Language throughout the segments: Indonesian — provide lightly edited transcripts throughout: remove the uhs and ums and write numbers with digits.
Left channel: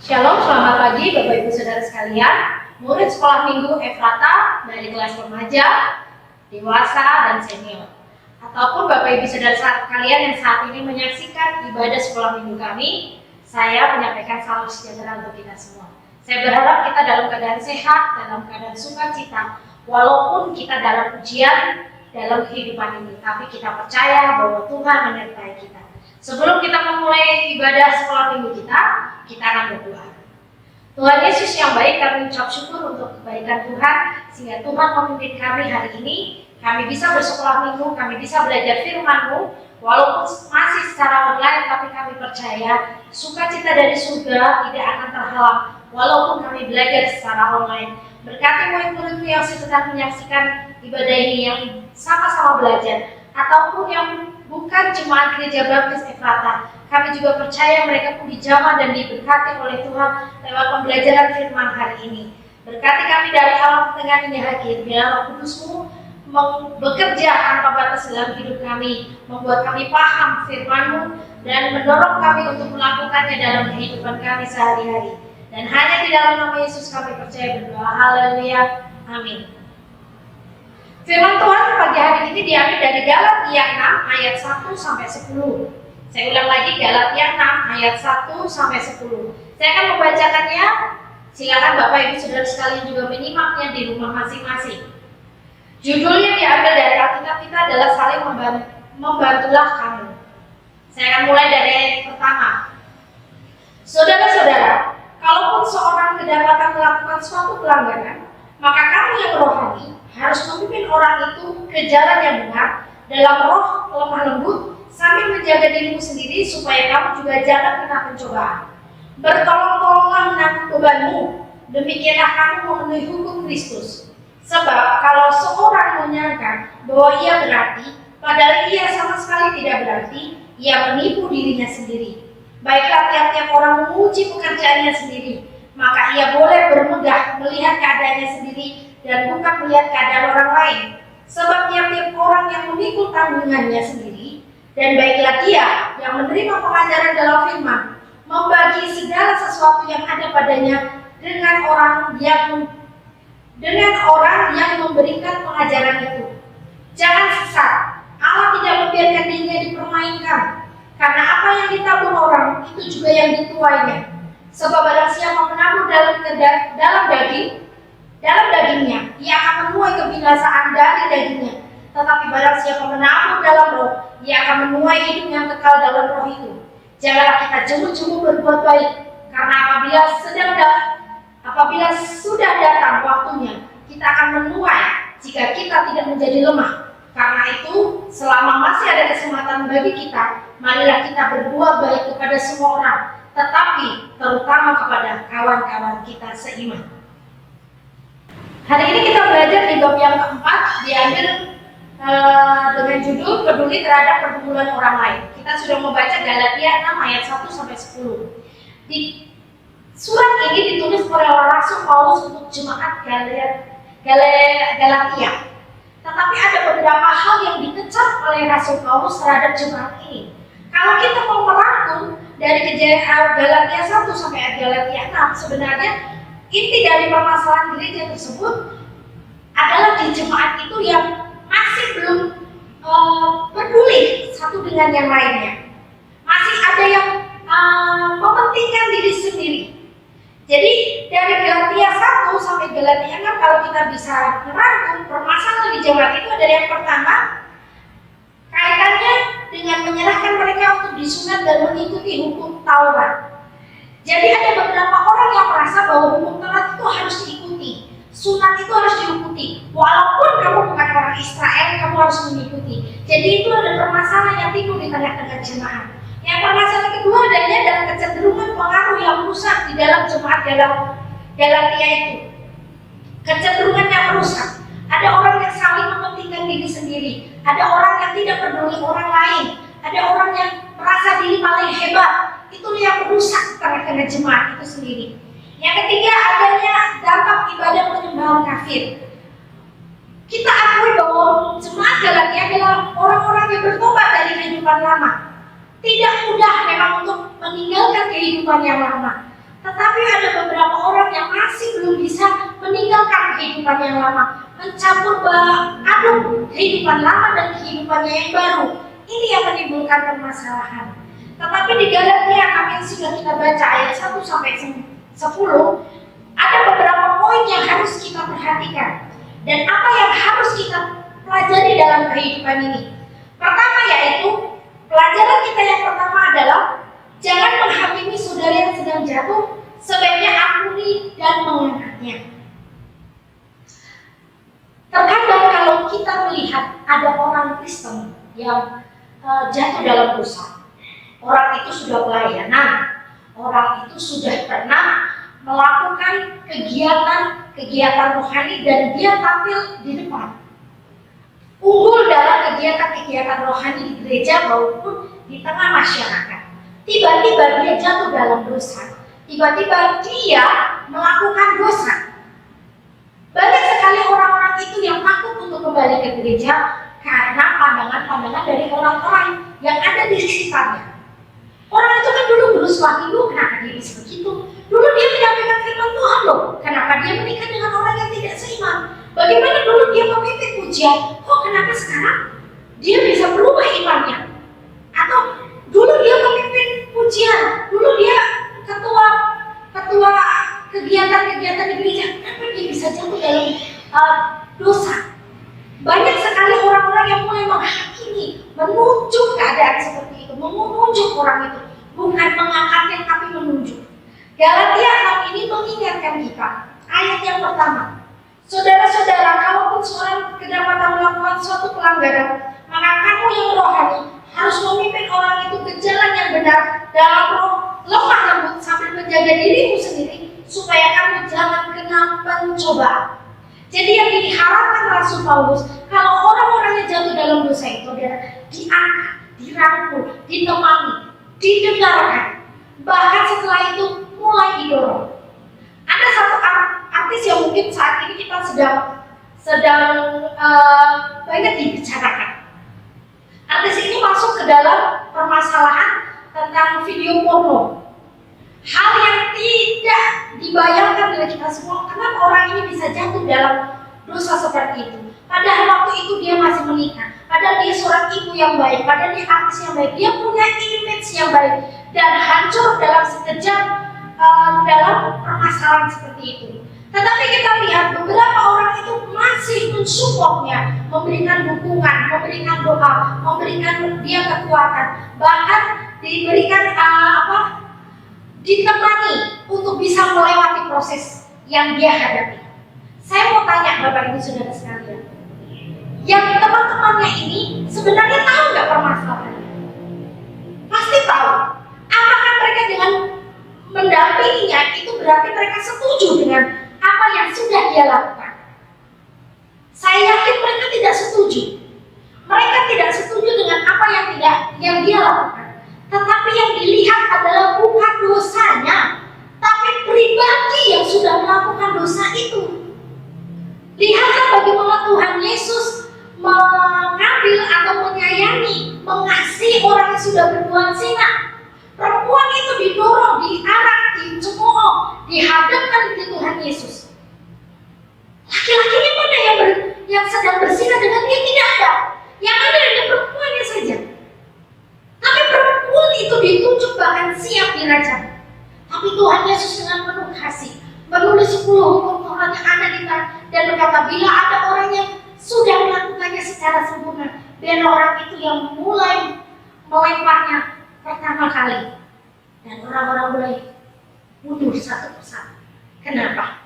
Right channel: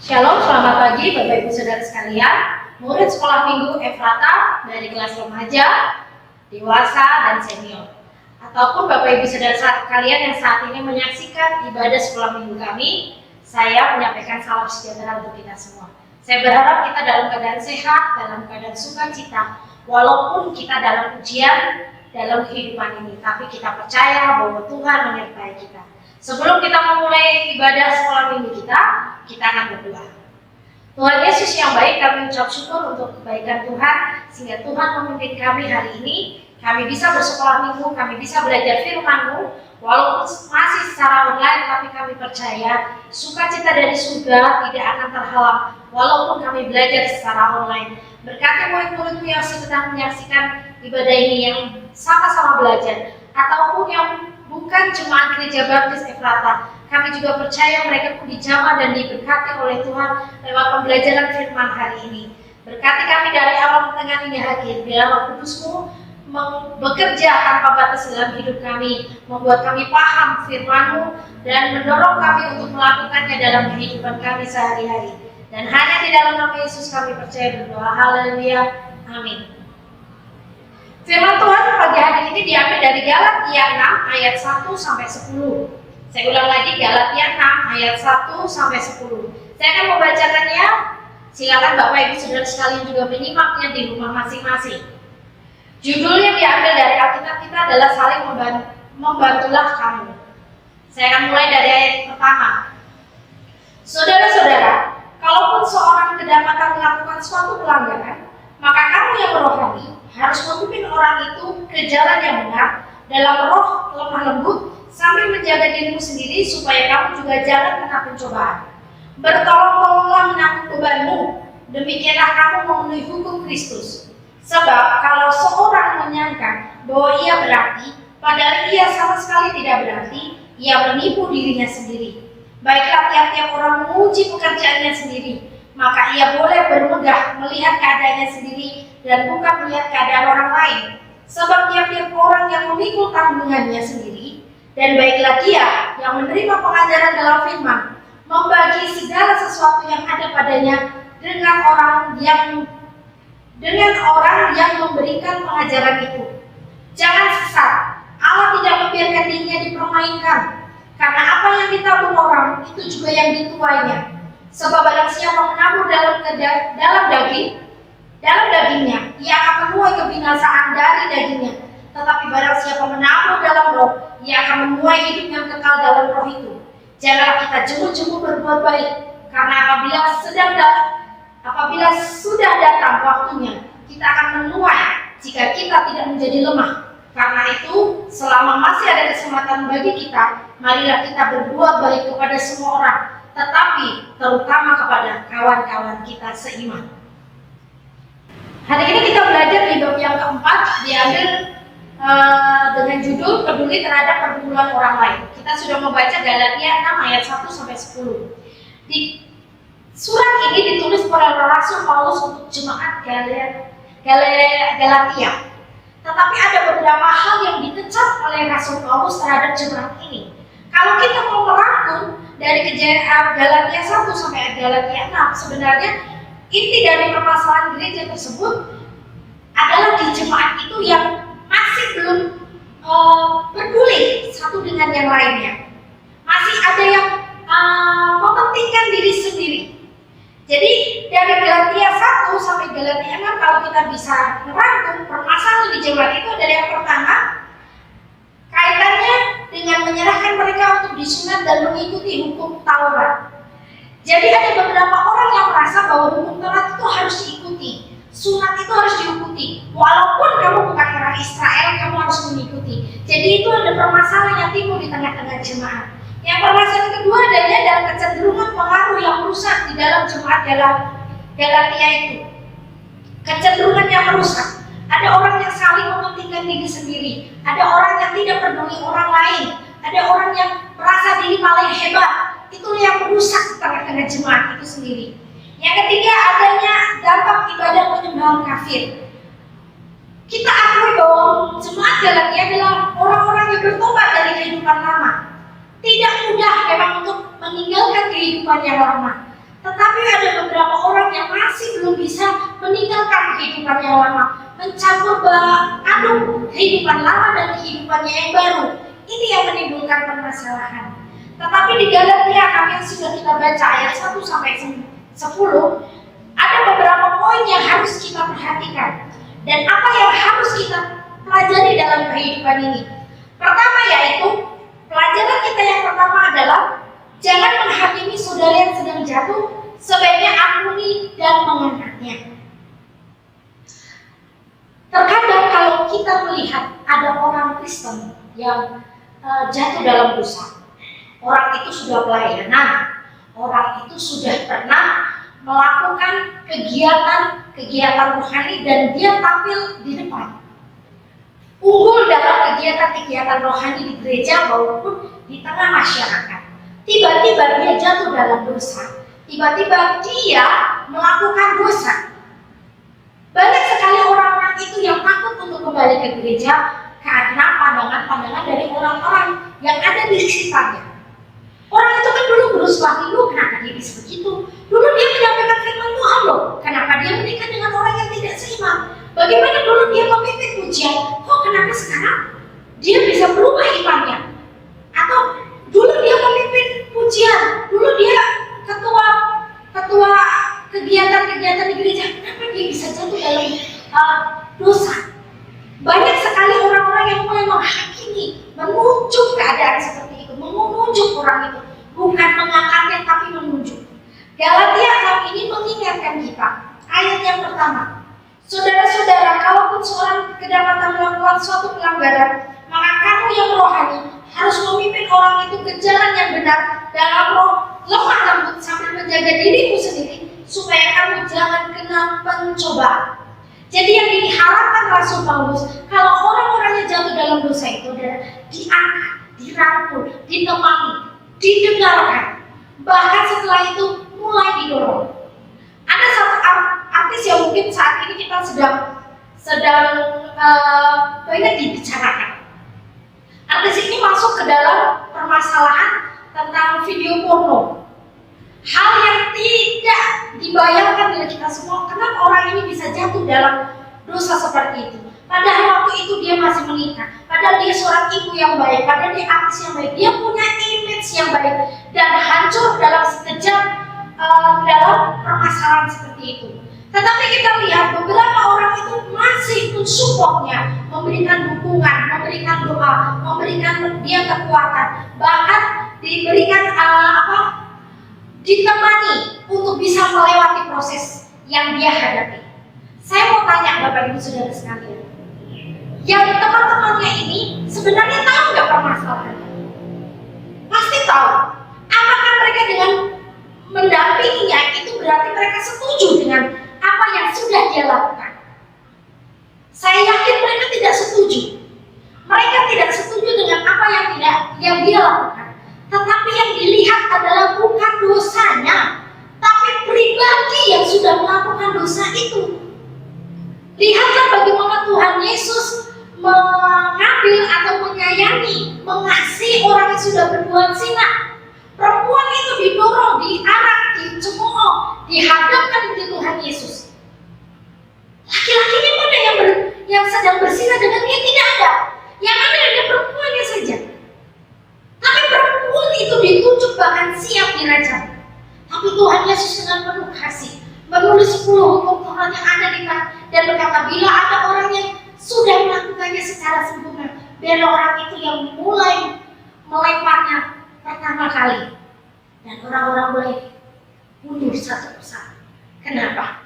Shalom, selamat pagi Bapak Ibu Saudara sekalian, murid sekolah minggu Efrata dari kelas remaja, dewasa, dan senior. Ataupun Bapak Ibu Saudara sekalian yang saat ini menyaksikan ibadah sekolah minggu kami, saya menyampaikan salam sejahtera untuk kita semua. Saya berharap kita dalam keadaan sehat, dalam keadaan sukacita, walaupun kita dalam ujian dalam kehidupan ini, tapi kita percaya bahwa Tuhan menyertai kita. Sebelum kita memulai ibadah sekolah minggu kita akan berdoa. Tuhan Yesus yang baik, kami ucap syukur untuk kebaikan Tuhan, sehingga Tuhan memimpin kami hari ini. Kami bisa bersekolah minggu, kami bisa belajar firman-Mu, walaupun masih secara online, tapi kami percaya sukacita dari surga tidak akan terhalang, walaupun kami belajar secara online. Berkati murid-murid-Mu yang sedang menyaksikan ibadah ini, yang sama-sama belajar, ataupun yang bukan jemaat Gereja Baptis Efrata, kami juga percaya mereka pun dijamah dan diberkati oleh Tuhan lewat pembelajaran firman hari ini. Berkati kami dari awal pertengahan hingga akhir, biar Roh Kudus-Mu bekerja tanpa batas dalam hidup kami, membuat kami paham firman-Mu dan mendorong kami untuk melakukannya dalam kehidupan kami sehari-hari. Dan hanya di dalam nama Yesus kami percaya berdoa. Haleluya. Amin. Firman Tuhan pagi hari ini diambil dari Galatia 6 ayat 1 sampai 10. Saya ulang lagi, Galatia 6 ayat 1 sampai 10. Saya akan membacakannya. Silakan Bapak Ibu Saudara sekalian juga menyimaknya di rumah masing-masing. Judul yang diambil dari Alkitab kita adalah saling membantulah kamu. Saya akan mulai dari ayat pertama. Saudara-saudara, kalaupun seorang kedapatan melakukan suatu pelanggaran, maka kamu yang rohani harus memimpin orang itu ke jalan yang benar dalam roh lemah lembut, sambil menjaga dirimu sendiri supaya kamu juga jangan kena pencobaan. Bertolong-tolonglah menanggung bebanmu, demikianlah kamu memenuhi hukum Kristus. Sebab kalau seorang menyangka bahwa ia berarti, padahal ia sama sekali tidak berarti, ia menipu dirinya sendiri. Baiklah tiap-tiap orang menguji pekerjaannya sendiri, maka ia boleh bermegah melihat keadaannya sendiri dan bukan melihat keadaan orang lain. Sebab tiap-tiap orang yang memikul tanggungannya sendiri, dan baiklah dia yang menerima pengajaran dalam firman, membagi segala sesuatu yang ada padanya dengan orang yang memberikan pengajaran itu. Jangan sesat, Allah tidak membiarkan dirinya dipermainkan, karena apa yang ditabur orang itu juga yang dituainya. Sebab barang siapa menabur dalam dagingnya, ia akan menuai kebinasaan dari dagingnya. Tetapi barang siapa menabur dalam roh, ia akan menuai hidup yang kekal dalam roh itu. Janganlah kita jemu-jemu berbuat baik, karena apabila sudah datang waktunya, kita akan menuai jika kita tidak menjadi lemah. Karena itu, selama masih ada kesempatan bagi kita, marilah kita berbuat baik kepada semua orang, tetapi terutama kepada kawan-kawan kita seiman. Hari ini kita belajar di bab yang keempat, diambil dengan judul peduli terhadap pergumulan orang lain. Kita sudah membaca Galatia 6 ayat 1 sampai 10. Di surat ini ditulis oleh Rasul Paulus untuk jemaat Galatia. Tetapi ada beberapa hal yang dikecam oleh Rasul Paulus terhadap jemaat ini. Kalau kita mau merangkum dari Galatia 1 sampai Galatia 6, sebenarnya inti dari permasalahan gereja tersebut adalah di jemaat itu yang masih belum peduli satu dengan yang lainnya. Masih ada yang mementingkan diri sendiri. Jadi dari Galatia 1 sampai Galatia 6, kalau kita bisa merangkum permasalahan di jemaat itu adalah yang pertama, kaitannya dengan menyerahkan mereka untuk disunat dan mengikuti hukum Taurat. Jadi ada beberapa orang yang merasa bahwa hukum Taurat itu harus diikuti, sunat itu harus diikuti, walaupun kamu bukan orang Israel, kamu harus mengikuti. Jadi itu ada permasalahan yang timbul di tengah-tengah jemaat. Yang permasalahan kedua adanya dalam kecenderungan pengaruh yang merusak di dalam jemaat Galatia itu. Kecenderungan yang merusak. Ada orang yang saling mementingkan diri sendiri, ada orang yang tidak peduli orang lain, ada orang yang merasa diri paling hebat. Itulah yang merusak tengah-tengah jemaat itu sendiri. Yang ketiga adanya dampak ibadah penyembahan kafir. Kita akui bahwa jemaat Galatia adalah orang-orang yang bertobat dari kehidupan lama. Tidak mudah memang untuk meninggalkan kehidupan yang lama. Tetapi ada beberapa orang yang masih belum bisa meninggalkan kehidupan yang lama, mencampur aduk kehidupan lama dan kehidupannya yang baru. Ini yang menimbulkan permasalahan. Tetapi di Galatia yang sudah kita baca ayat 1 sampai 10, ada beberapa poin yang harus kita perhatikan dan apa yang harus kita pelajari dalam kehidupan ini. Pertama yaitu, pelajaran kita yang pertama adalah jangan menghakimi saudara yang sedang jatuh, sebaiknya ampuni dan mengangkatnya. Terkadang kalau kita melihat ada orang Kristen yang jatuh dalam dosa, orang itu sudah pelayanan, orang itu sudah pernah melakukan kegiatan rohani dan dia tampil di depan, unggul dalam kegiatan rohani di gereja maupun di tengah masyarakat. Tiba-tiba dia jatuh dalam dosa, tiba-tiba dia melakukan dosa. Banyak sekali orang-orang itu yang takut untuk kembali ke gereja karena pandangan-pandangan dari orang-orang yang ada di sekitarnya. Orang itu kan dulu berusaha dulu, kenapa dia bisa begitu? Dulu dia menyampaikan firman Tuhan loh, kenapa dia menikah dengan orang yang tidak seiman? Bagaimana dulu dia memimpin pujian, kok kenapa sekarang dia bisa berubah imannya? Atau dulu dia memimpin pujian, dulu dia ketua kegiatan-kegiatan di gereja, kenapa dia bisa jatuh dalam dosa? Banyak sekali orang-orang yang mulai menghakimi, menunjuk keadaan seperti itu, menunjuk orang itu, bukan mengangkatnya tapi menunjuk. Galatia 6 ini mengingatkan kita, ayat yang pertama, saudara-saudara, kalaupun seorang kedapatan melakukan suatu pelanggaran, maka kamu yang rohani harus memimpin orang itu ke jalan yang benar dalam roh lemah lembut sambil menjaga dirimu sendiri supaya kamu jangan kena pencobaan. Jadi yang diharapkan Rasul Paulus, kalau orang-orang yang jatuh dalam dosa itu adalah diangkat, dirangkul, ditemani, didengarkan, bahkan setelah itu mulai didorong. Ada satu artis yang mungkin saat ini kita sedang banyak dibicarakan. Artis ini masuk ke dalam permasalahan tentang video porno. Hal yang tidak dibayangkan oleh kita semua, kenapa orang ini bisa jatuh dalam dosa seperti itu. Padahal waktu itu dia masih menikah, padahal dia seorang ibu yang baik, padahal dia artis yang baik, dia punya image yang baik, dan hancur dalam sekejap dalam permasalahan seperti itu. Tetapi kita lihat beberapa orang itu masih mensupportnya, memberikan dukungan, memberikan doa, memberikan dia kekuatan, bahkan diberikan ditemani untuk bisa melewati proses yang dia hadapi. Saya mau tanya Bapak Ibu Saudara sekalian, yang teman-temannya ini sebenarnya tahu nggak permasalahannya? Pasti tahu. Apakah mereka dengan mendampinginya itu berarti mereka setuju dengan apa yang sudah dia lakukan? Saya yakin mereka tidak setuju. Mereka tidak setuju dengan apa yang dia lakukan. Tetapi yang dilihat adalah bukan dosanya, tapi pribadi yang sudah melakukan dosa itu. Lihatlah bagaimana Tuhan Yesus mengambil atau menyayangi, mengasihi orang yang sudah berbuat zina. Perempuan itu didorong, diarak, dicemooh, dihadapkan di Tuhan Yesus. Laki-lakinya mana yang sedang berzina dengan dia? Tidak ada. Yang ada hanya perempuannya saja. Tapi perempuan itu ditunjuk bahkan siap dirajam. Tapi Tuhan Yesus dengan penuh kasih menulis 10 hukum Taurat yang ada di tangan dan berkata, bila ada orang yang sudah melakukannya secara sempurna, biar orang itu yang mulai melemparnya pertama kali, dan orang-orang mulai mundur satu persatu. Kenapa?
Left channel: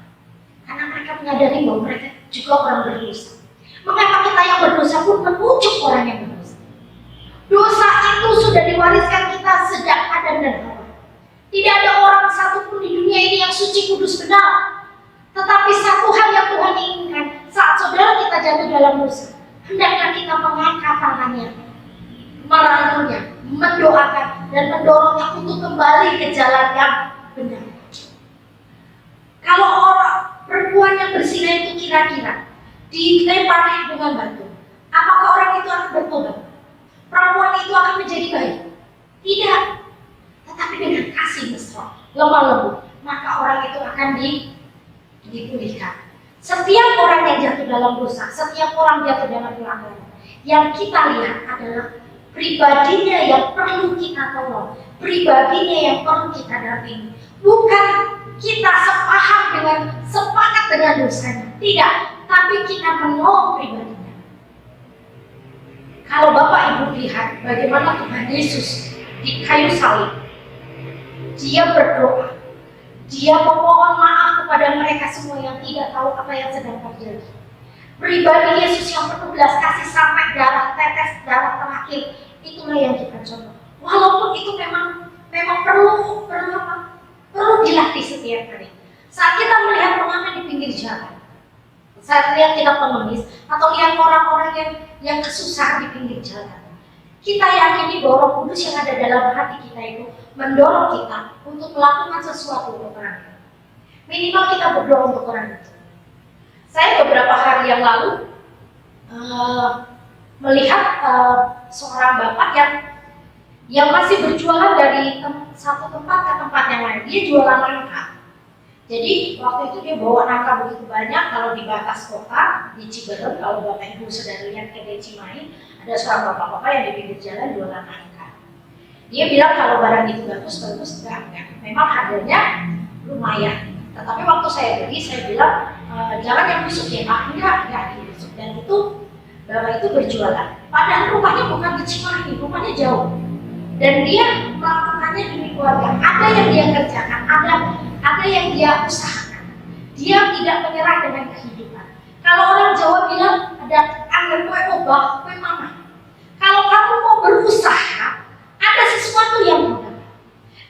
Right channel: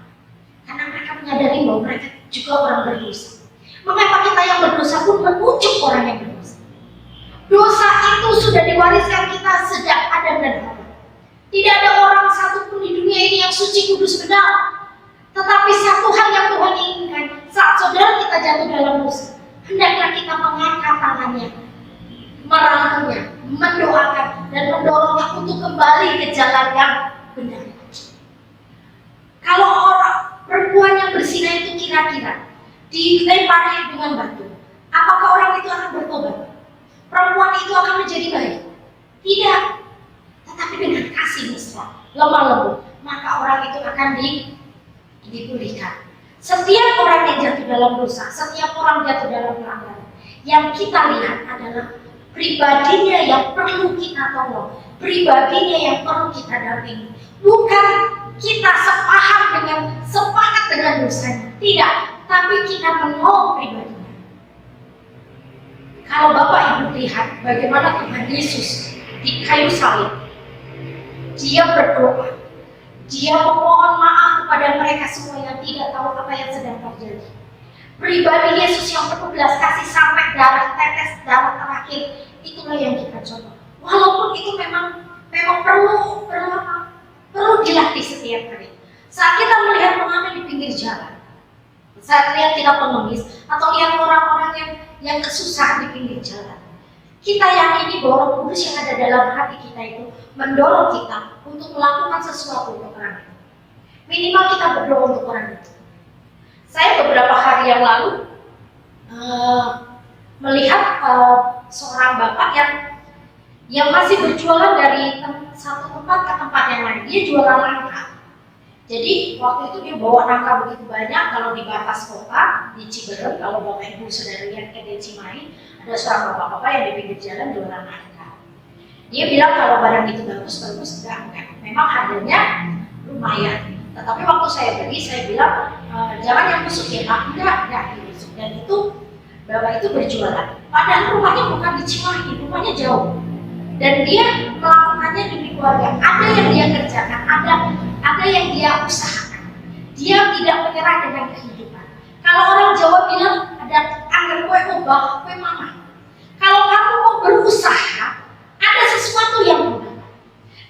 Karena mereka menyadari bahwa mereka juga orang berdosa. Mengapa kita yang berdosa pun menunjuk orang yang berdosa? Dosa itu sudah diwariskan kita sejak Adam dan Hawa. Tidak ada orang satupun di dunia ini yang suci, kudus, benar. Tetapi satu hal yang Tuhan inginkan, saat saudara kita jatuh dalam dosa, hendaklah kita mengangkat tangannya, merangkulnya, mendoakan, dan mendorongnya untuk kembali ke jalan yang benar. Kalau orang perempuan yang berzina itu kira-kira dilempari dengan batu, apakah orang itu akan bertobat? Perempuan itu akan menjadi baik? Tidak. Tetapi dengan kasih mesra, lemah lembut, maka orang itu akan dipulihkan. Setiap orang yang jatuh dalam dosa, setiap orang jatuh dalam pelanggaran, yang kita lihat adalah pribadinya yang perlu kita tolong, pribadinya yang perlu kita dampingi. Bukan kita sepakat dengan dosanya, tidak, tapi kita menolong pribadinya. Kalau Bapak Ibu lihat bagaimana Tuhan Yesus di kayu salib, dia berdoa, dia memohon maaf kepada mereka semua yang tidak tahu apa yang sedang terjadi. Pribadi Yesus yang penuh belas kasih sampai tetes darah terakhir, itulah yang kita contoh. Walaupun itu memang perlu dilatih setiap hari. Saat kita melihat pengamen di pinggir jalan, saat lihat kita pengemis atau lihat orang-orang yang kesusahan di pinggir jalan, kita yakini bahwa Roh Kudus yang ada dalam hati kita itu mendorong kita untuk melakukan sesuatu untuk orang itu. Minimal kita berdoa untuk orang itu. Saya beberapa hari yang lalu melihat seorang bapak yang masih berjualan dari satu tempat ke tempat yang lain. Dia jualan nangka. Jadi waktu itu dia bawa nangka begitu banyak. Kalau di batas kota di Ciberem, kalau Bapak Ibu Saudara lihat ke Cimahi, ada seorang bapak-bapak yang di pinggir jalan jualan nangka. Dia bilang kalau barang itu bagus, enggak. Memang harganya lumayan. Tetapi waktu saya beli, saya bilang jangan yang busuk ya Pak, enggak yang busuk. Dan itu bapak itu berjualan. Padahal rumahnya bukan di Cimahi, rumahnya jauh. Dan dia melakukannya demi keluarga. Ada yang dia kerjakan, ada yang dia usahakan. Dia tidak menyerah dengan kehidupan. Kalau orang Jawa bilang ada anggar kue obah, kue mama. Kalau kamu mau berusaha, ada sesuatu yang mudah.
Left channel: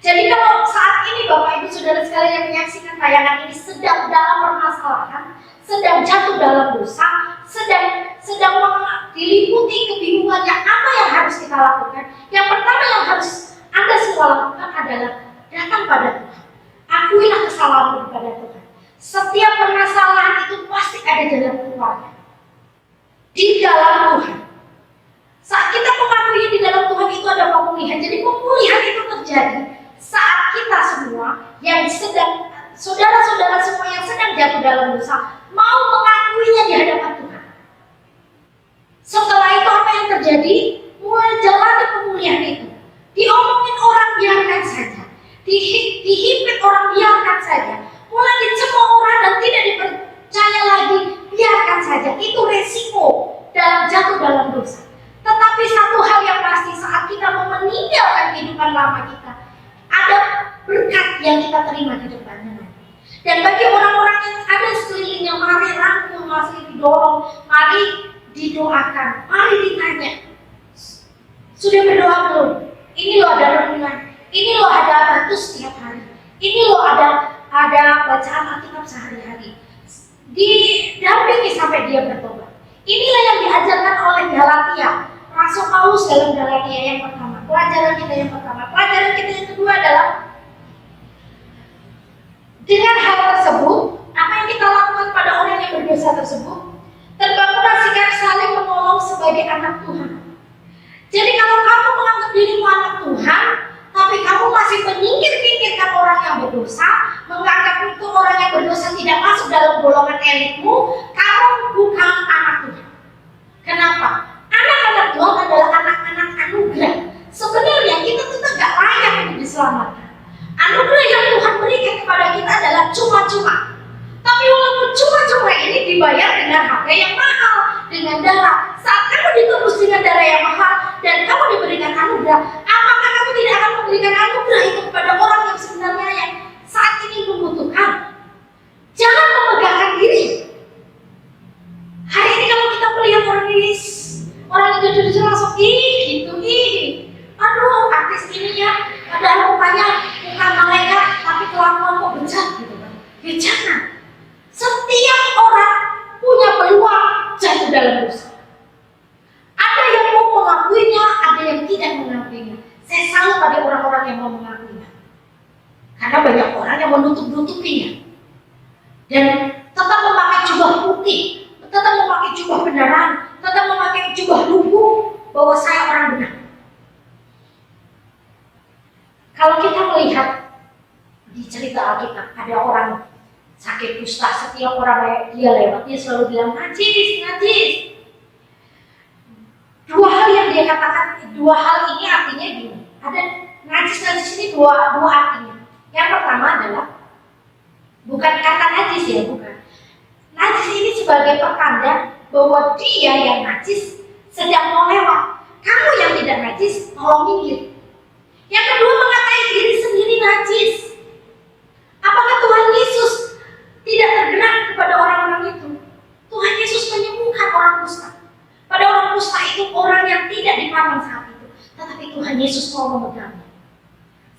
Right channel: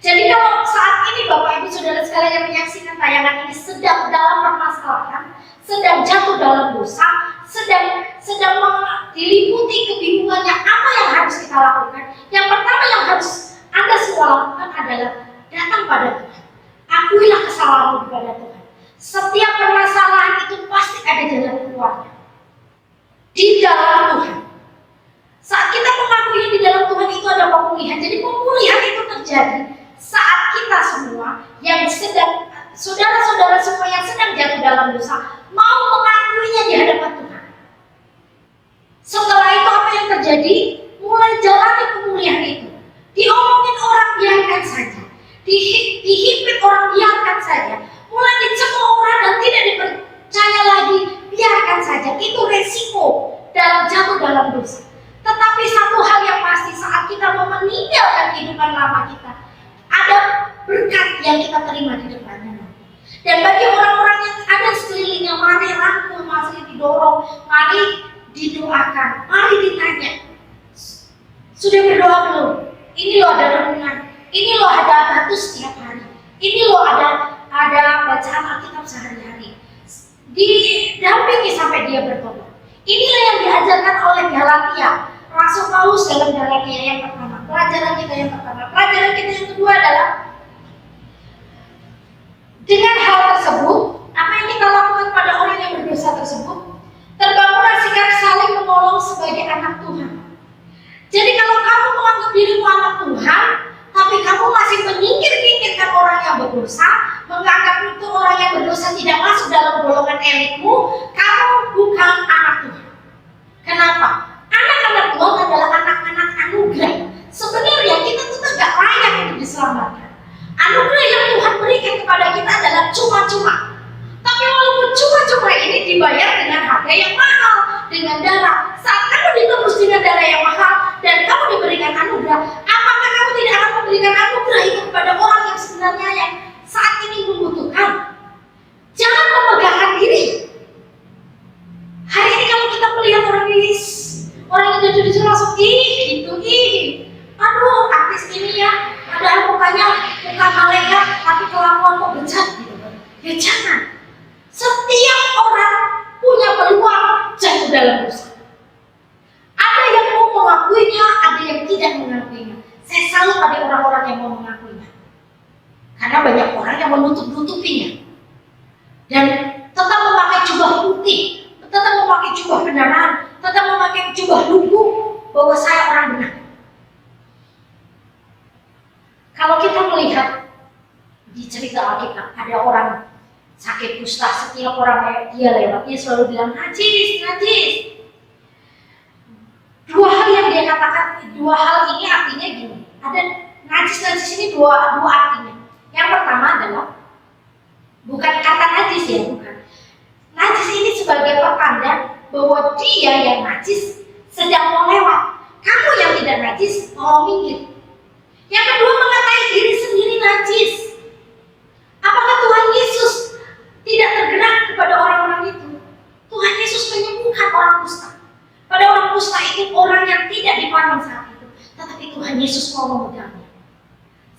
Jadi kalau saat ini Bapak Ibu Saudara sekalian yang menyaksikan tayangan ini sedang dalam permasalahan, sedang jatuh dalam dosa, sedang diliputi kebingungannya apa yang harus kita lakukan. Yang pertama yang harus Anda semua lakukan adalah datang pada Tuhan. Akuilah kesalahanmu kepada Tuhan. Setiap permasalahan itu pasti ada jalan keluarnya. Di dalam Tuhan. Saat kita mengakuinya di dalam Tuhan itu ada pemulihan. Jadi pemulihan itu terjadi saat kita semua yang sedang, saudara-saudara semua yang sedang jatuh dalam dosa, mau mengakuinya di hadapan Tuhan. Setelah itu apa yang terjadi? Mulai jalani pemulihan itu. Diomongin orang biarkan saja. Dihimpit orang biarkan saja. Mulai dicemooh orang dan tidak dipercaya lagi, biarkan saja. Itu resiko dalam jatuh dalam dosa. Tetapi satu hal yang pasti, saat kita mau meninggalkan kehidupan lama kita, ada berkat yang kita terima di depannya nanti. Dan bagi orang-orang yang ada sekelilingnya, mari rangkul, mari didorong, mari didoakan, mari ditanya, sudah berdoa belum? Ini loh ada renungan, ini loh ada batu setiap hari, ini loh ada bacaan Alkitab sehari-hari. Didampingi sampai dia bertobat. Inilah yang diajarkan oleh Galatia, Rasul Paulus dalam Galatia yang pertama. Pelajaran kita yang pertama. Pelajaran kita yang kedua adalah dengan hal tersebut, apa yang kita lakukan pada orang yang berdosa tersebut, terbangunlah sikap saling menolong sebagai anak Tuhan. Jadi kalau kamu menganggap dirimu anak Tuhan, tapi kamu masih menyingkir-nyingkirkan orang yang berdosa, menganggap itu orang yang berdosa tidak masuk dalam golongan elitmu, kamu bukan anak Tuhan. Kenapa? Anak-anak Tuhan adalah anak-anak anugerah. Sebenarnya kita tuh tidak layak untuk diselamatkan. Anugerah yang Tuhan berikan kepada kita adalah cuma-cuma. Tapi walaupun cuma-cuma ini dibayar dengan harga yang mahal, dengan darah. Saat kamu ditebus dengan darah yang mahal dan kamu diberikan anugerah, apakah kamu tidak akan memberikan anugerah itu kepada orang yang sebenarnya yang saat ini membutuhkan? Jangan memegahkan diri. Hari ini kalau kita melihat orang yang jatuh di jalan langsung aduh artis ini ya, padahal mukanya muka malaikat tapi kelakuan kok bejat gitu kan. Ya jangan. Setiap orang punya peluang jatuh dalam dosa. Ada yang mau mengakuinya, ada yang tidak mengakuinya. Saya salut pada orang-orang yang mau mengakuinya. Karena banyak orang yang menutup-nutupinya. Dan tetap memakai jubah putih, tetap memakai jubah benaran, tetap memakai jubah lugu bahwa saya orang benar. Kalau kita melihat di cerita Alkitab ada orang sakit kusta, setiap orang dia lewat dia selalu bilang najis, najis. Dua hal yang dia katakan, dua hal ini artinya gini. Ada najis ini dua artinya. Yang pertama adalah bukan kata najis ya, bukan. Najis ini sebagai pertanda bahwa dia yang najis sedang mau lewat. Kamu yang tidak najis, tolong minggir. Yang kedua, mengatai diri sendiri najis. Apakah Tuhan Yesus tidak tergerak kepada orang-orang itu? Tuhan Yesus menyembuhkan orang kusta. Pada orang kusta itu orang yang tidak dipandang saat itu, tetapi Tuhan Yesus mau memegangnya.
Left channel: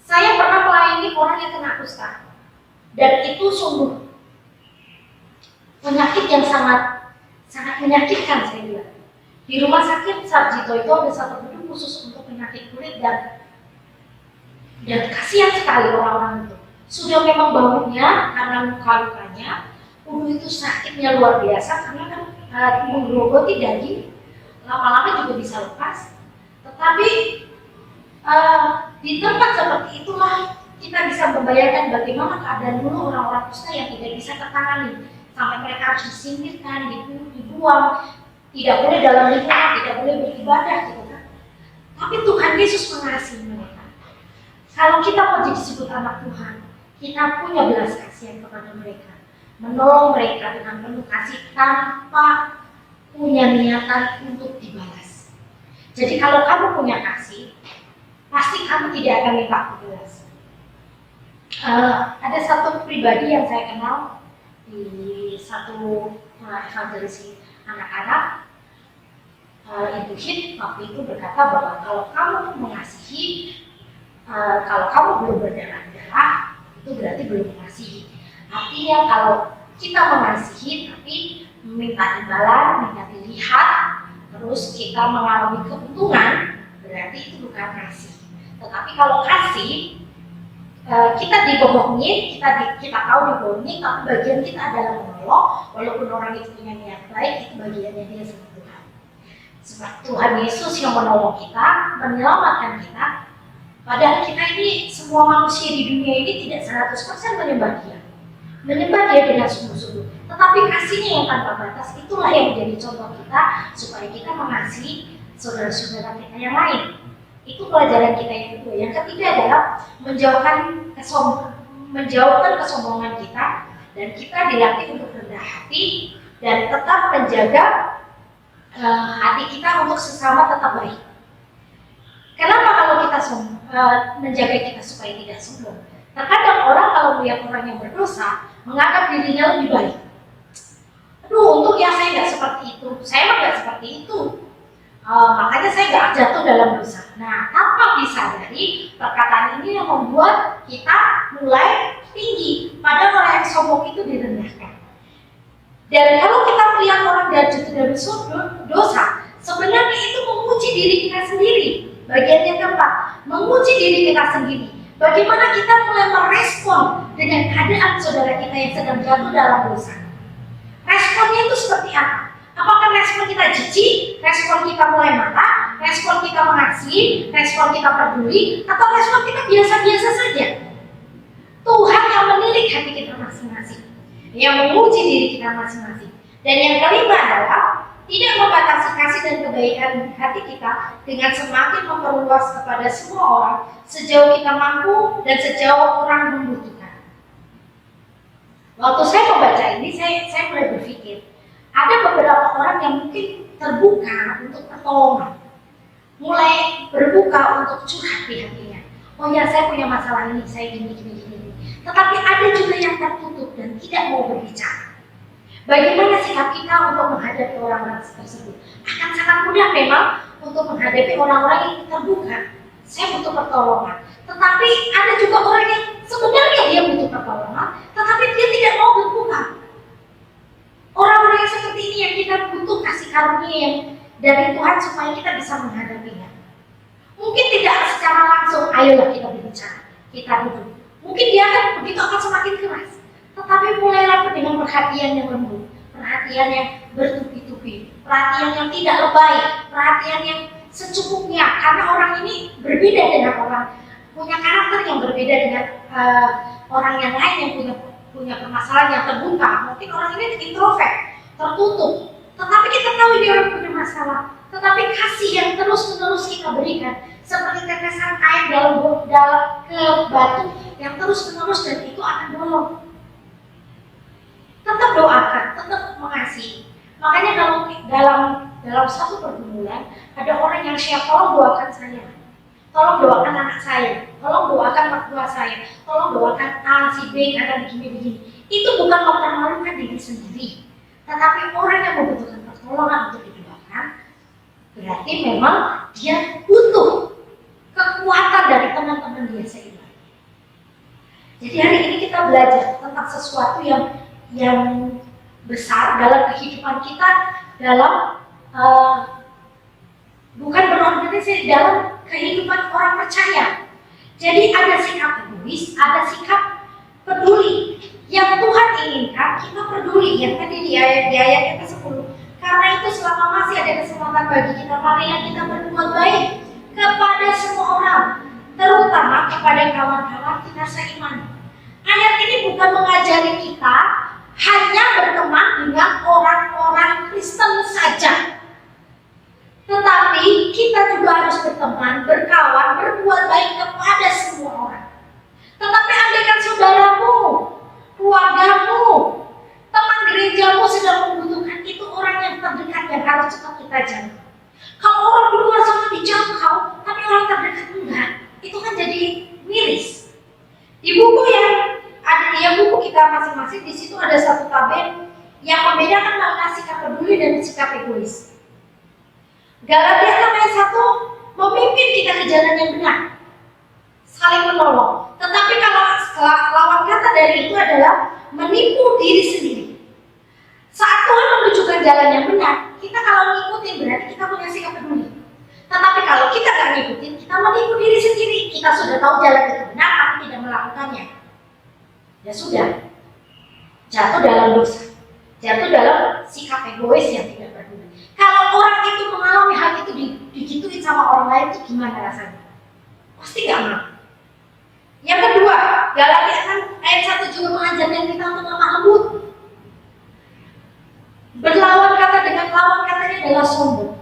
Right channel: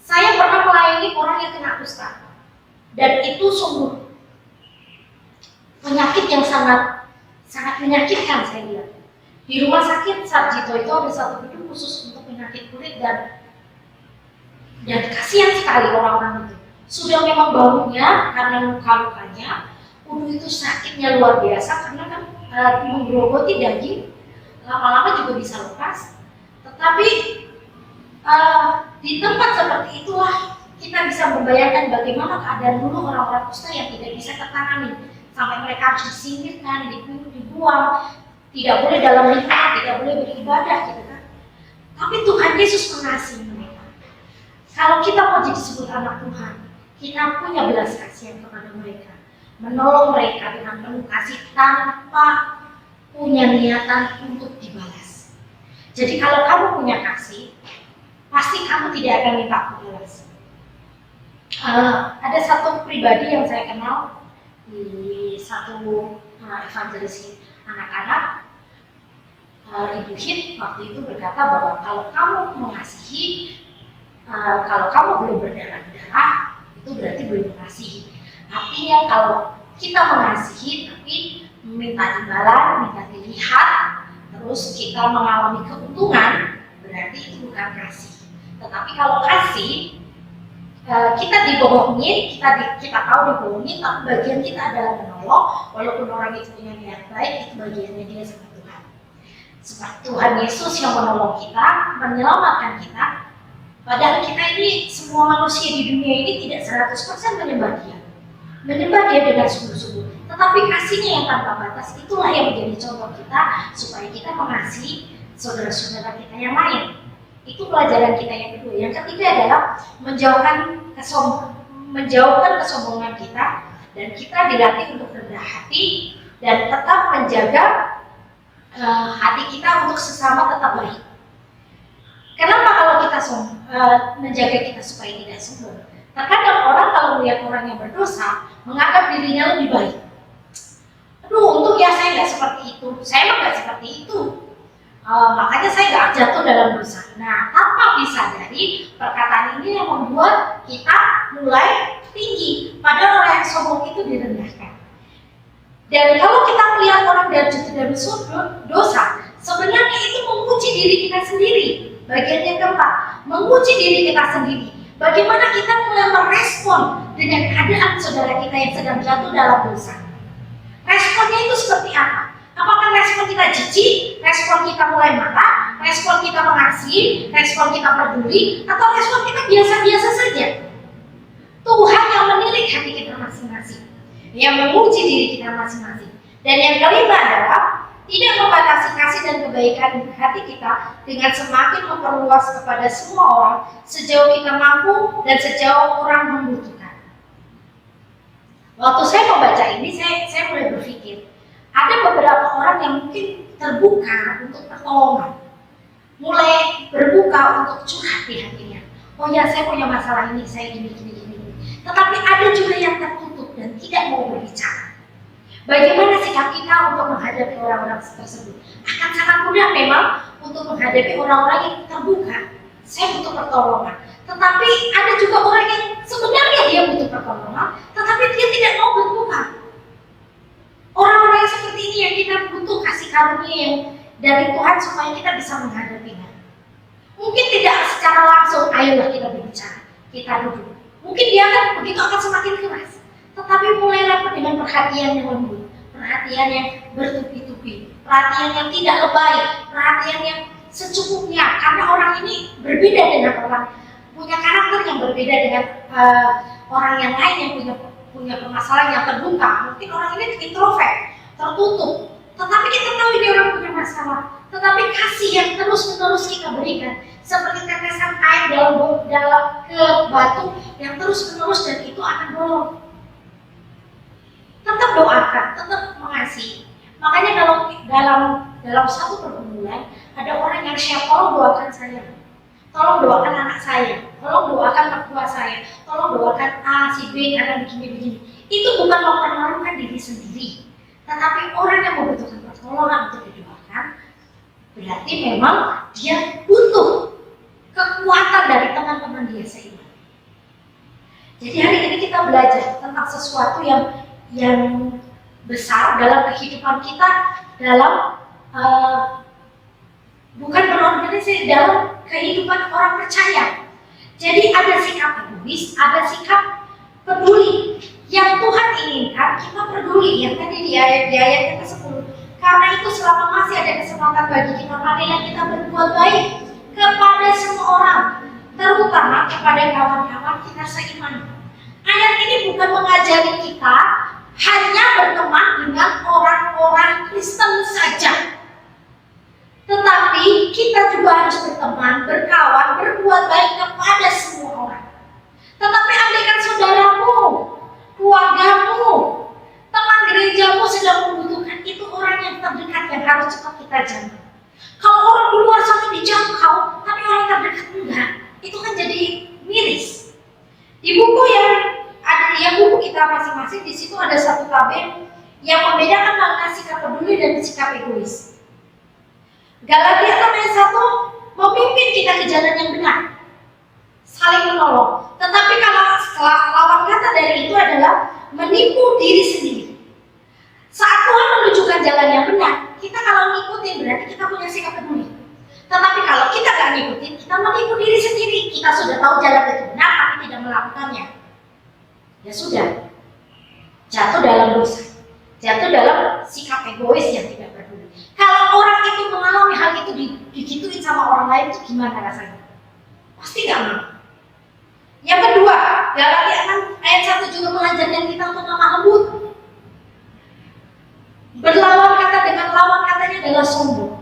Saya pernah melayani orang yang kena kusta, dan itu sungguh penyakit yang sangat menyakitkan saya lihat. Di rumah sakit Sarjito itu ada satu gedung khusus untuk penyakit kulit dan kasihan sekali orang-orang itu. Sudah memang baunya karena luka-lukanya, itu sakitnya luar biasa karena kan menggerogoti daging, lama-lama juga bisa lepas. Tetapi di tempat seperti itulah kita bisa membayangkan bagaimana keadaan dulu orang-orang kusta yang tidak bisa tertangani, sampai mereka harus disingkirkan, dibuang, tidak boleh dalam lingkungan, tidak boleh beribadah gitu kan. Tapi Tuhan Yesus mengasihi mereka. Kalau kita mau disebut anak Tuhan, kita punya belas kasihan kepada mereka, menolong mereka dengan penuh kasih tanpa punya niatan untuk dibalas. Jadi kalau kamu punya kasih, pasti kamu tidak akan minta balas. Ada satu pribadi yang saya kenal di satu evangelis anak-anak, Ibu Hid waktu itu berkata bahwa kalau kamu mengasihi, kalau kamu belum berdarah-darah, itu berarti belum mengasihi. Artinya kalau kita mengasihi tapi minta dibalas, minta dilihat, terus kita mengalami keuntungan, berarti itu bukan kasih. Tetapi kalau kasih, kita dibohongin, kita tahu dibohongin, tapi bagian kita adalah menolong, walaupun orang itu punya niat baik, itu bagiannya dia sama Tuhan. Sebab Tuhan Yesus yang menolong kita, menyelamatkan kita. Padahal kita ini, semua manusia di dunia ini tidak 100% menyembah dia. Menyembah dia dengan sungguh-sungguh. Tetapi kasihnya yang tanpa batas, itulah yang menjadi contoh kita, supaya kita mengasihi saudara-saudara kita yang lain. Itu pelajaran kita yang kedua. Yang ketiga adalah menjauhkan kesombongan kita, dan kita dilatih untuk rendah hati dan tetap menjaga hati kita untuk sesama tetap baik. Kenapa kalau kita menjaga kita supaya tidak sombong? Terkadang orang kalau melihat orang yang berdosa menganggap dirinya lebih baik. Aduh, untung ya saya nggak seperti itu. Saya mah nggak seperti itu. Makanya saya nggak jatuh dalam dosa. Nah, tanpa disadari perkataan ini yang membuat kita mulai tinggi, padahal orang yang sombong itu direndahkan. Dan kalau kita melihat orang jatuh dalam dosa, sebenarnya itu menguji diri kita sendiri. Bagian yang keempat, menguji diri kita sendiri. Bagaimana kita mulai merespon dengan keadaan saudara kita yang sedang jatuh dalam dosa. Responnya itu seperti apa? Apakah respon kita jijik, respon kita mulai marah, respon kita mengasihi, respon kita peduli, atau respon kita biasa-biasa saja? Tuhan yang menilik hati kita masing-masing, yang menguji diri kita masing-masing. Dan yang kelima adalah tidak membatasi kasih dan kebaikan hati kita dengan semakin memperluas kepada semua orang sejauh kita mampu dan sejauh orang membutuhkan. Waktu saya membaca ini, saya mulai berpikir, ada beberapa orang yang mungkin terbuka untuk pertolongan, mulai berbuka untuk curhat di hatinya. Oh ya, saya punya masalah ini, saya gini. Tetapi ada juga yang tertutup dan tidak mau berbicara. Bagaimana sikap kita untuk menghadapi orang-orang tersebut? Akan sangat mudah memang untuk menghadapi orang-orang yang terbuka. Saya butuh pertolongan. Tetapi ada juga orang yang sebenarnya dia butuh pertolongan, tetapi dia tidak mau berbuka. Orang-orang yang seperti ini yang kita butuh kasih karunia yang dari Tuhan supaya kita bisa menghadapinya. Mungkin tidak secara langsung, ayolah kita berbicara, kita duduk. Mungkin dia akan semakin keras. Tetapi mulailah dengan perhatian yang lembut, perhatian yang bertubi-tubi, perhatian yang tidak lebay, perhatian yang secukupnya. Karena orang ini berbeda dengan orang, punya karakter yang berbeda dengan orang yang lain yang punya permasalahan yang terbuka. Mungkin orang ini introvert, tertutup, tetapi kita tahu ini orang punya masalah. Tetapi kasih yang terus-menerus kita berikan, seperti tetesan air ke batu yang terus-menerus, dan itu akan bolong. Tetap doakan, tetap mengasihi. Makanya kalau dalam satu pergumulan ada orang yang share, tolong doakan saya, tolong doakan anak saya, tolong doakan mertua saya, tolong doakan A, si B karena begini-begini. Itu bukan mempermalukan diri sendiri, tetapi orang yang membutuhkan pertolongan untuk didoakan, berarti memang dia butuh kekuatan dari teman-teman dia seiman. Jadi hari ini kita belajar tentang sesuatu yang besar dalam kehidupan kita, dalam bukan berorganisasi, dalam kehidupan orang percaya. Jadi ada sikap egois, ada sikap peduli. Yang Tuhan inginkan kita peduli, yang tadi di ayat yang ke-10. Karena itu selama masih ada kesempatan bagi kita, marilah kita berbuat baik kepada semua orang, terutama kepada kawan-kawan kita seiman. Ayat ini bukan mengajari kita hanya berteman dengan orang-orang Kristen saja, tetapi kita juga harus berteman, berkawan, berbuat baik kepada semua orang. Tetapi andaikan saudaramu, keluargamu, teman gerejamu sedang membutuhkan, itu orang yang terdekat yang harus cepat kita jangkau. Kalau orang di luar sana dijangkau, tapi orang terdekat enggak, itu kan jadi miris. Di buku buku kita masing-masing, di situ ada satu tabel yang membedakan mana sikap peduli dan sikap egois. Galatia 6 ayat 1 memimpin kita ke jalan yang benar, saling menolong. Tetapi kalau lawan kata dari itu adalah menipu diri sendiri. Saat Tuhan menunjukkan jalan yang benar, kita kalau ngikutin berarti kita punya sikap peduli. Tetapi kalau kita nggak ngikutin, kita menipu diri sendiri. Kita sudah tahu jalan itu benar, tapi tidak melakukannya. Ya sudah, jatuh dalam dosa, jatuh dalam sikap egois yang tidak peduli. Kalau orang itu mengalami hal itu digituin sama orang lain, itu gimana rasanya? Pasti nggak mau. Yang kedua, Galatia 6 ayat 1 juga mengajarkan kita untuk lemah lembut. Berlawan kata dengan lawan katanya adalah sombong.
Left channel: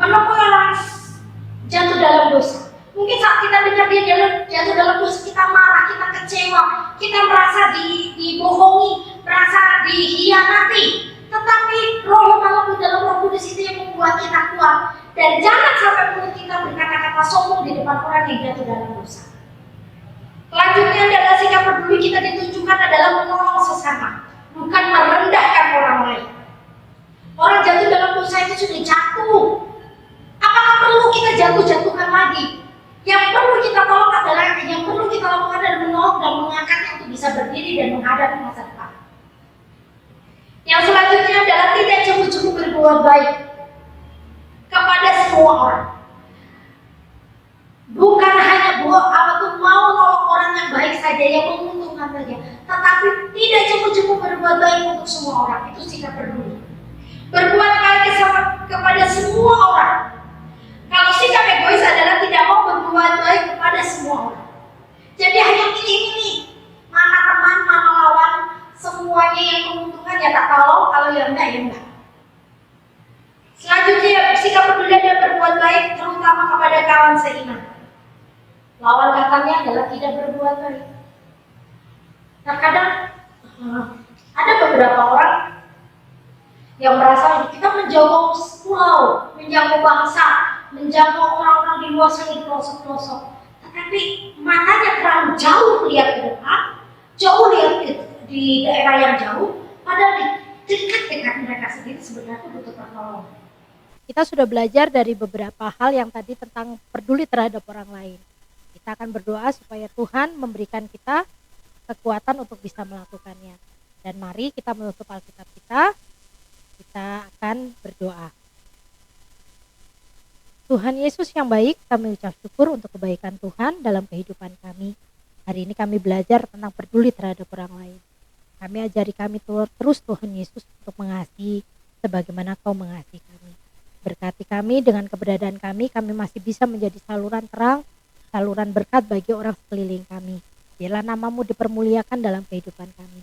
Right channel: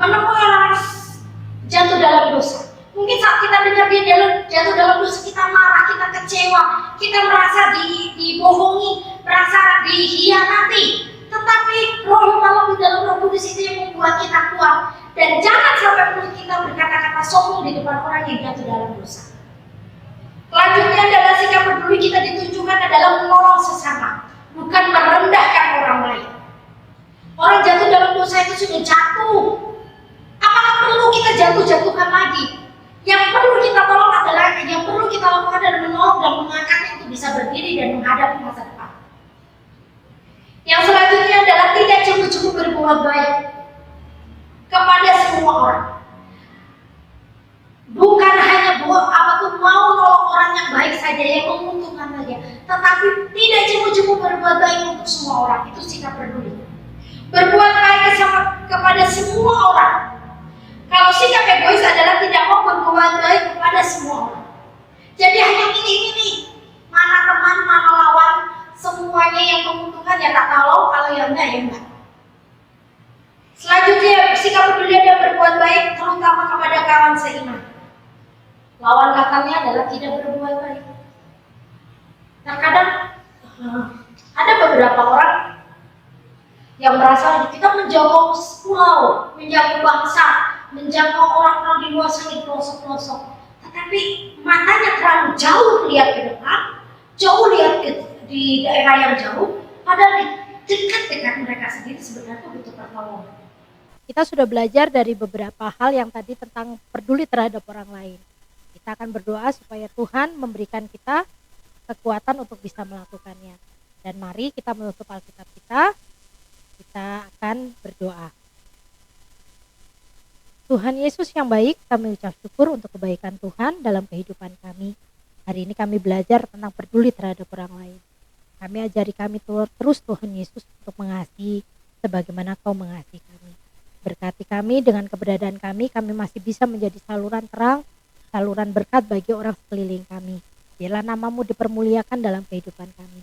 Menemui orang jatuh dalam dosa. Mungkin saat kita dengar dia jatuh dalam dosa, kita marah, kita kecewa, kita merasa dibohongi, merasa dihianati. Tetapi Roh yang malam di dalam Roh Kudus itu yang membuat kita kuat. Dan jangan sampai mulut kita berkata-kata sombong di depan orang yang jatuh dalam dosa. Selanjutnya adalah sikap peduli kita ditunjukkan adalah menolong sesama, bukan merendahkan orang lain. Orang jatuh dalam dosa itu sudah jatuh. Apakah perlu kita jatuh-jatuhkan lagi? Yang perlu kita tolong adalah, yang perlu kita lakukan adalah menolong dan mengangkatnya untuk bisa berdiri dan menghadapi masa depan. Yang selanjutnya adalah tidak cemburu berbuat baik kepada semua orang. Bukan hanya mau nolong orang yang baik saja, yang menguntungkan saja, tetapi tidak cemburu berbuat baik untuk semua orang. Itu sikap peduli. Berbuat baik kepada semua orang. Kalau sikap egois adalah tidak mau berbuat baik kepada semua orang. Jadi hanya milih-milih mana teman, mana lawan, semuanya yang menguntungkan ya tak tolong, kalau yang enggak ya enggak. Selanjutnya, sikap peduli dan berbuat baik terutama kepada kawan seiman. Lawan katanya adalah tidak berbuat baik. Terkadang ada beberapa orang yang merasa kita menjangkau pulau, menjangkau bangsa, menjangkau orang-orang di luar sana di pelosok-pelosok, tetapi matanya terlalu jauh melihat ke depan, jauh lihat di daerah yang jauh, padahal di dekat-dekat mereka sendiri sebenarnya butuh pertolongan. Kita sudah belajar dari beberapa hal yang tadi tentang peduli terhadap orang lain. Kita akan berdoa supaya Tuhan memberikan kita kekuatan untuk bisa melakukannya. Dan mari kita menutup Alkitab kita akan berdoa. Tuhan Yesus yang baik, kami ucap syukur untuk kebaikan Tuhan dalam kehidupan kami. Hari ini kami belajar tentang peduli terhadap orang lain. Kami ajari kami terus Tuhan Yesus untuk mengasihi sebagaimana Kau mengasihi kami. Berkati kami dengan keberadaan kami masih bisa menjadi saluran terang, saluran berkat bagi orang sekeliling kami. Biarlah namamu dipermuliakan dalam kehidupan kami.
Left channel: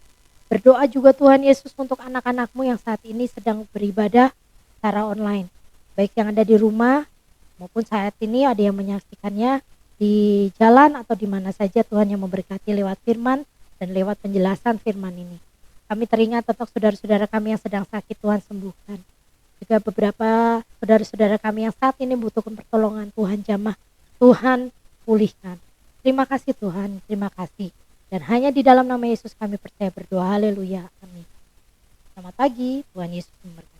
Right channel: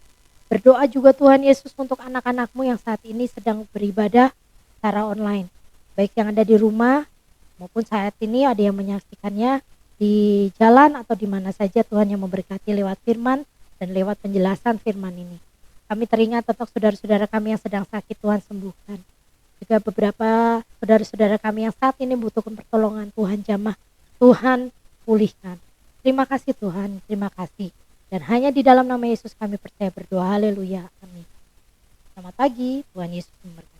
Berdoa juga Tuhan Yesus untuk anak-anakmu yang saat ini sedang beribadah secara online. Baik yang ada di rumah maupun saat ini ada yang menyaksikannya di jalan atau di mana saja, Tuhan yang memberkati lewat firman dan lewat penjelasan firman ini. Kami teringat tentang saudara-saudara kami yang sedang sakit, Tuhan sembuhkan. Juga beberapa saudara-saudara kami yang saat ini membutuhkan pertolongan, Tuhan jamah, Tuhan pulihkan. Terima kasih Tuhan, terima kasih. Dan hanya di dalam nama Yesus kami percaya berdoa, haleluya, amin. Selamat pagi, Tuhan Yesus memberkati.